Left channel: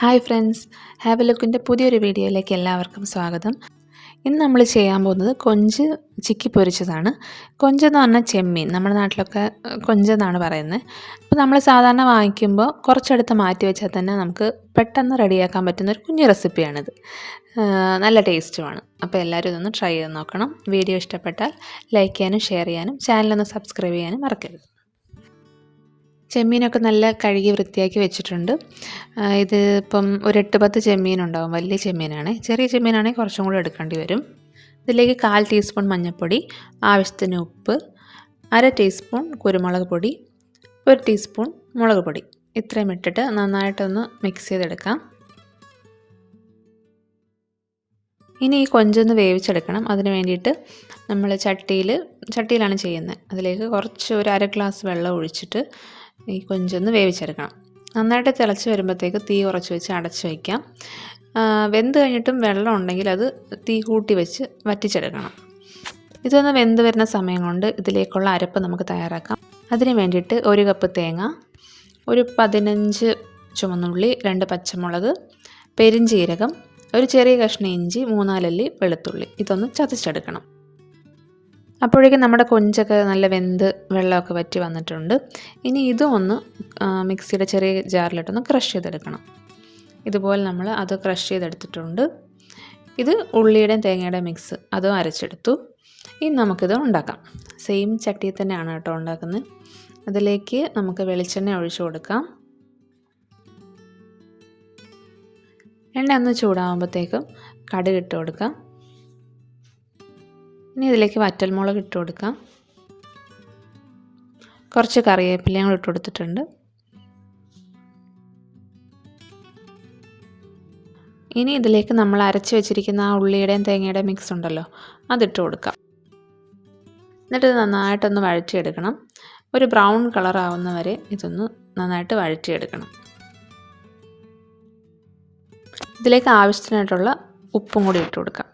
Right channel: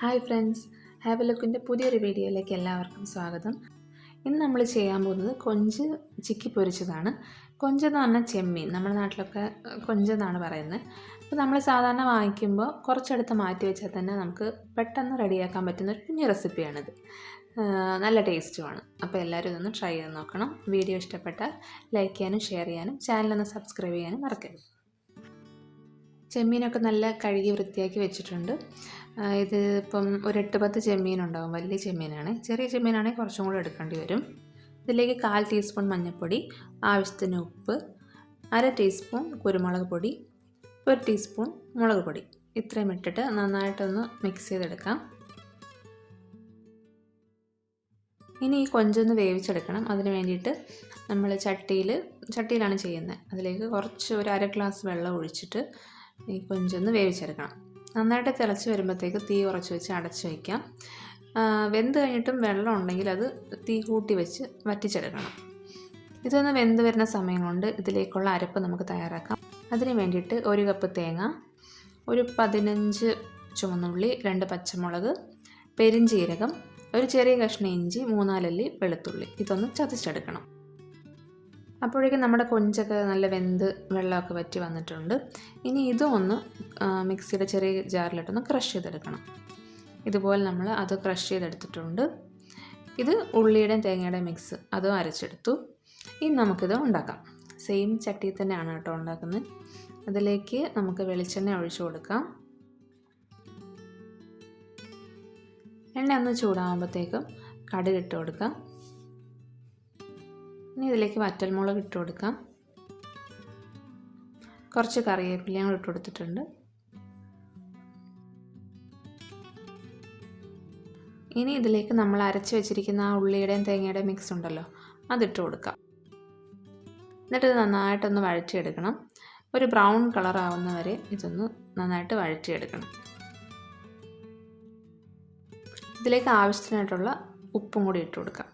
Hi friends, have A ലുക്കിൻ്റെ പുതിയൊരു വീഡിയോയിലേക്ക് എല്ലാവർക്കും സ്വാഗതം. ഇന്ന് നമ്മൾ ചെയ്യാൻ പോകുന്നത് കൊഞ്ച് ചിക്കി പൊരിച്ചതാണ്. കൊഞ്ചെന്ന് പറഞ്ഞാൽ ചെമ്മീൻ, നമ്മുടെ നാട്ടിലൊക്കെ കൊഞ്ചെന്നാണ് പറയുന്നത്. അപ്പോൾ നമ്മൾ സാധാരണ വാങ്ങിക്കുമ്പോൾ കുറച്ചെടുത്ത് മാറ്റി വെച്ചാൽ തന്നെ നമുക്ക് പെട്ടെന്ന് റെഡിയാക്കാൻ പറ്റുന്ന ഒരു കുഞ്ഞു റെസിപ്പിയാണിത്. നല്ല ടേസ്റ്റുമാണ്. അപ്പോൾ എല്ലാവരും ഇതൊന്ന് ട്രൈ ചെയ്ത് നോക്കണം. വീഡിയോ ഇഷ്ടപ്പെട്ടാൽ ലൈക്ക് ചെയ്യാനും ഷെയർ ചെയ്യാനും ചാനലൊന്ന് സബ്സ്ക്രൈബ് ചെയ്യാനും മറക്കരുത്. ചെമ്മീനൊക്കെ നല്ല കഴുകി വൃത്തിയാക്കി വെച്ചിട്ടുണ്ട്. ഇത് ഇപ്പം ഒരു 8-10 ചെമ്മീനുണ്ടാവും. വലിയ ചെമ്മീനാണ്. ചെറിയ ചെമ്മീനാണെങ്കിൽ കുറച്ചും കൂടി എടുക്കേണ്ടി വരും. ഇതിലേക്ക് 1/4 ടീസ്പൂൺ മഞ്ഞൾപ്പൊടി, ആവശ്യത്തിന് ഉപ്പ്, 1/2 ടീസ്പൂൺ കുരുമുളക് പൊടി, 1 ടീസ്പൂൺ മുളക് പൊടി, ഇത്രയും ഇട്ടിട്ട് നന്നായിട്ടൊന്ന് മിക്സ് ചെയ്തെടുക്കാം. ഇനി ഈ കൊഞ്ചൊന്ന് വേവിച്ചെടുക്കണം. അതിന് വേണ്ടിയിട്ട് നമ്മൾ ചട്ടിയിലാണ് ചെയ്യുന്നത്. അതിലേക്ക് കുറച്ച് ഒരു 1/2 ഗ്ലാസ് വെള്ളം ഒഴിച്ചിട്ട് ഈ കൊഞ്ചൊന്ന് വേവിച്ചെടുക്കണം. നന്നായിട്ട് തിളച്ച് വരുമ്പോഴത്തേക്ക് തീ കുറച്ച് വെച്ച് അടച്ച് വയ്ക്കാം. വെന്ത് കഴിഞ്ഞിട്ടും വെള്ളം ഉണ്ടെങ്കിൽ അത് തീ കൂട്ടി വെച്ച് വറ്റിച്ചെടുക്കണം. ഇതൊന്ന് വെന്ത് വരുന്ന സമയം കൊണ്ട് ഇതിലേക്കുള്ള അരപ്പ് നമുക്ക് തയ്യാറാക്കാം. അതിന് വേണ്ടിയിട്ട് 1 കപ്പ് തേങ്ങ, ഒരു 15 ചുവന്നുള്ളി, 2 പച്ചമുളക്, പെരിഞ്ജീരകം, ഒരു ചെറിയ കഷ്ണം ഇഞ്ചി, 3-4 അല്ലി വെളുത്തുള്ളി, ഇതൊന്ന് ചതച്ചെടുക്കണം. അപ്പോഴേക്കും നമ്മുടെ കൊഞ്ചൊക്കെ നല്ല വെന്ത് വെള്ളമൊക്കെ വറ്റി വന്നിട്ടുണ്ട്. ഇനി ഇതും ഒന്ന് മിക്സിയുടെ ചെറിയ ജാറിലിട്ടൊന്ന് ക്രഷ് ചെയ്തെടുക്കണം. ഇതുപോലെ നമ്മൾ അത് ക്രഷ് ചെയ്തെടുത്തിട്ടുണ്ട്. ഇത് ഉള്ളിയുടെയും തേങ്ങയുടെയും മിക്സ്, അതും അരച്ചെടുത്തു. ഇനി നമുക്കിത് ഉണ്ടാക്കാം. സെയിം ചട്ടിയിൽ തന്നെയാണ് കേട്ടോ ഉണ്ടാക്കുന്നത്. അതിലേക്ക് നമുക്ക് വെളിച്ചെണ്ണ ഒഴിച്ചു കൊടുക്കാം. എണ്ണ ഒന്ന് ചൂടാകുമ്പോഴത്തേക്കും കടുക് ഇട്ട് കൊടുക്കാം. ഇനി ഇതിലേക്ക് വറ്റൽമുളക് ഇട്ട് കൊടുക്കാം. കുറച്ച് കറിവേപ്പിലയും കൂടി ഇട്ട് കൊടുത്തിട്ടുണ്ട്. ഇനി ഇതിലേക്ക് നമ്മൾ അരച്ച് വെച്ചിരിക്കുന്ന ആ ഉള്ളിയുടെയും തേങ്ങയുടെയും മിക്സ് ഉണ്ടല്ലോ, അതിട്ട് കൊടുക്കാം. എന്നിട്ട് ഇത് നന്നായിട്ടൊന്ന് വഴറ്റിയെടുക്കണം. ഒരു ബ്രൗൺ കളർ ആവുന്ന വരെ ഇതൊന്ന് നന്നായിട്ട് വഴറ്റിയെടുക്കണം. ഇതിലേക്ക് ആവശ്യത്തിനായിട്ടുള്ള ഉപ്പും കൂടി ഇട്ട് കൊടുക്കാം.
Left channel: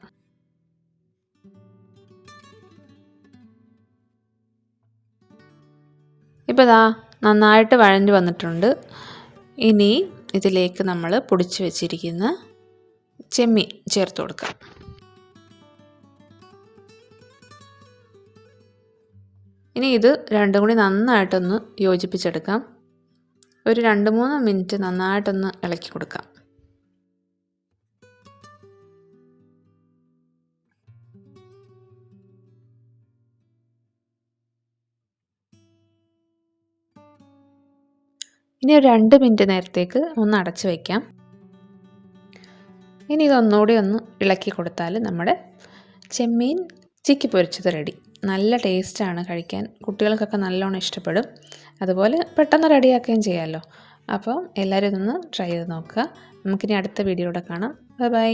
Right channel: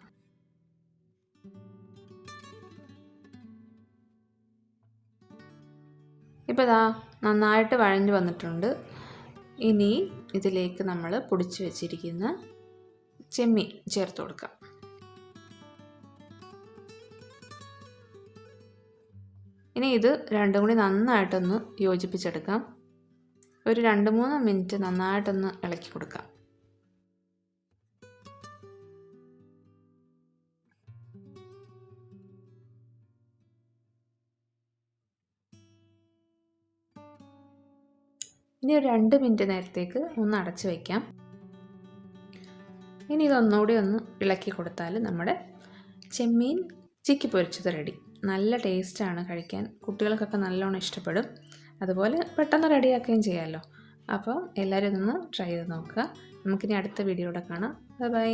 ഇപ്പോൾ ഇതാ നന്നായിട്ട് വഴഞ്ഞു വന്നിട്ടുണ്ട്. ഇനി ഇതിലേക്ക് നമ്മൾ പൊടിച്ച് വെച്ചിരിക്കുന്ന ചെമ്മീൻ ചേർത്ത് കൊടുക്കാം. ഇനി ഇത് രണ്ടും കൂടി നന്നായിട്ടൊന്ന് യോജിപ്പിച്ചെടുക്കാം. ഒരു 2-3 മിനിറ്റ് നന്നായിട്ടൊന്ന് ഇളക്കി കൊടുക്കാം. ഇനി ഒരു 2 മിനിറ്റ് നേരത്തേക്ക് ഒന്ന് അടച്ച് വയ്ക്കാം. ഇനി ഇതൊന്നുകൂടി ഒന്ന് ഇളക്കി കൊടുത്താൽ നമ്മുടെ ചെമ്മീൻ ചിക്കി പൊരിച്ചത് റെഡി. നല്ല ടേസ്റ്റാണ് കഴിക്കാൻ. കുട്ടികൾക്കൊക്കെ നല്ലോണം ഇഷ്ടപ്പെടും. അതുപോലെ പെട്ടെന്ന് റെഡിയാക്കുകയും ചെയ്യാമല്ലോ. അപ്പോൾ എല്ലാവരും ഇതൊന്ന് ട്രൈ ചെയ്ത് നോക്കുക. നമുക്കിനി അടുത്ത വീഡിയോയുടെ കാണാം. Bye bye.